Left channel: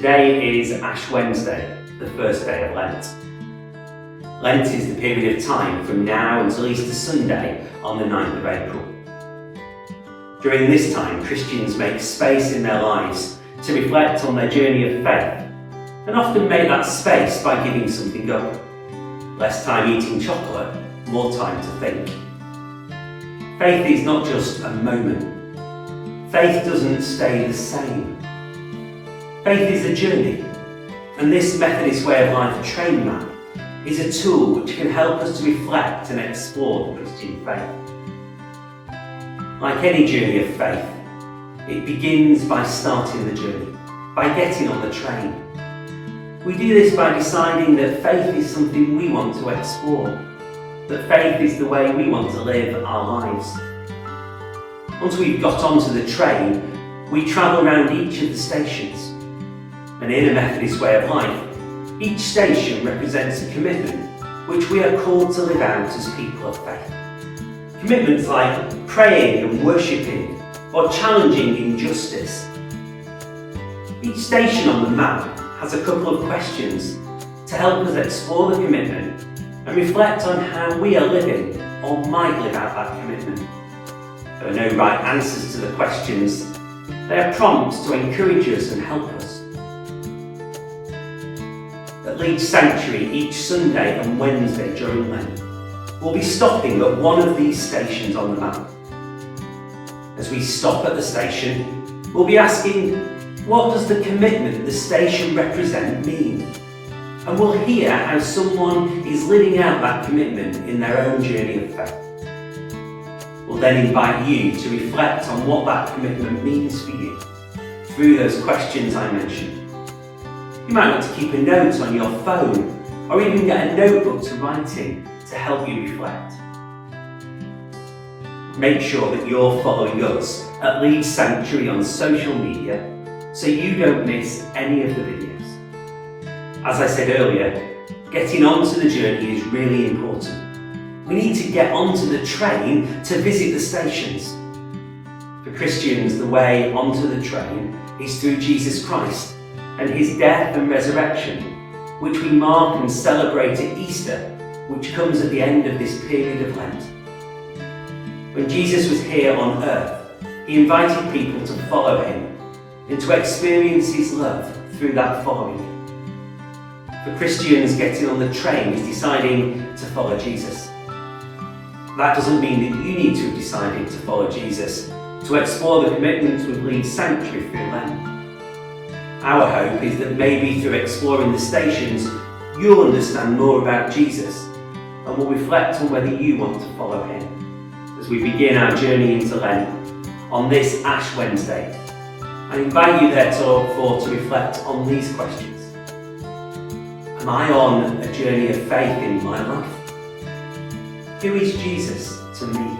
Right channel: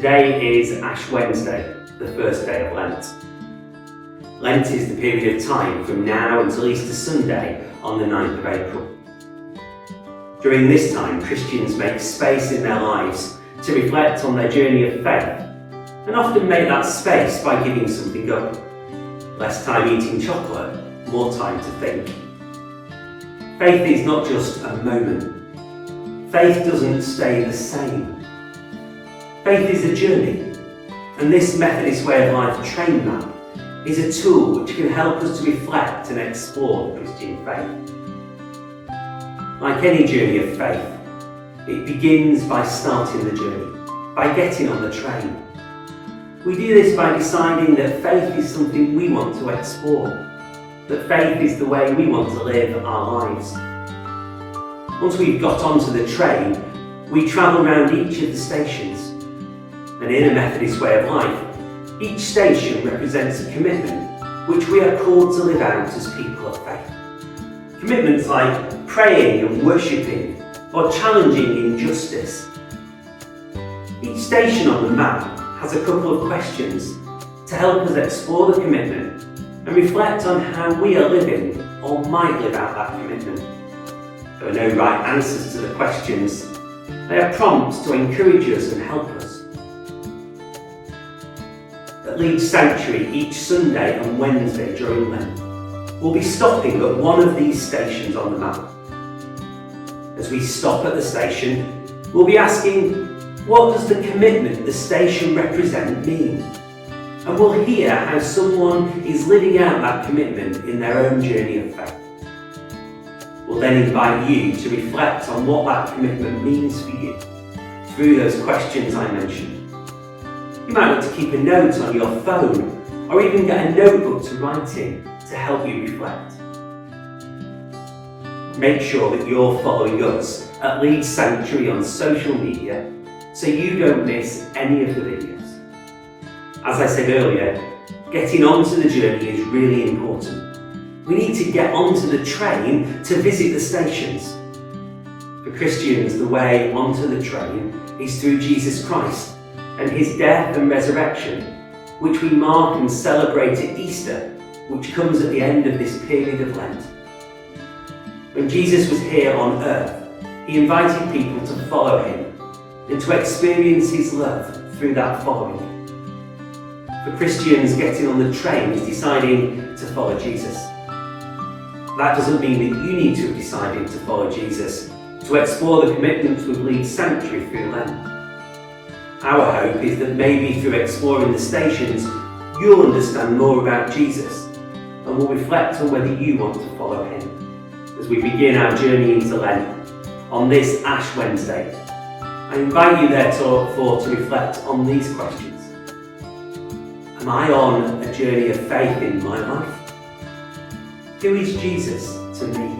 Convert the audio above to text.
Today is Ash Wednesday, the first day of Lent. Lent is the period of time from now until Easter Sunday on the 9th of April. During this time, Christians make space in their lives to reflect on their journey of faith, and often make that space by giving something up. Less time eating chocolate, more time to think. Faith is not just a moment. Faith doesn't stay the same. Faith is a journey, and this Methodist Way of Life train map is a tool which can help us to reflect and explore the Christian faith. Like any journey of faith, it begins by starting the journey, by getting on the train. We do this by deciding that faith is something we want to explore, that faith is the way we want to live our lives. Once we've got onto the train, we travel around each of the stations. And in a Methodist Way of Life, each station represents a commitment which we are called to live out as people of faith. Commitments like praying and worshipping, or challenging injustice. Each station on the map has a couple of questions to help us explore the commitment and reflect on how we are living or might live out that commitment. There are no right answers to the questions. They are prompts to encourage us and help us. At Leeds Sanctuary each Sunday and Wednesday during Lent, we'll be stopping at one of these stations on the map. As we stop at the station, we'll be asking, what does the commitment the station represent mean? And we'll hear how someone is living out that commitment in their own journey of faith. We'll then invite you to reflect on what that commitment means for you through those questions I mentioned. You might want to keep a note on your phone or even get a notebook to write in to help you reflect. Make sure that you're following us at Leeds Sanctuary on social media so you don't miss any of the videos. As I said earlier, getting onto the journey is really important. We need to get onto the train to visit the stations. For Christians, the way onto the train is through Jesus Christ and his death and resurrection, which we mark and celebrate at Easter, which comes at the end of this period of Lent. When Jesus was here on earth, he invited people to follow him and to experience his love through that following. For Christians, getting on the train is deciding to follow Jesus. That doesn't mean that you need to have decided to follow Jesus to explore the commitments with Leeds Sanctuary through Lent. Our hope is that maybe through exploring the stations, you'll understand more about Jesus and will reflect on whether you want to follow him. As we begin our journey into Lent on this Ash Wednesday, I invite you therefore to reflect on these questions. Am I on a journey of faith in my life? Who is Jesus to me?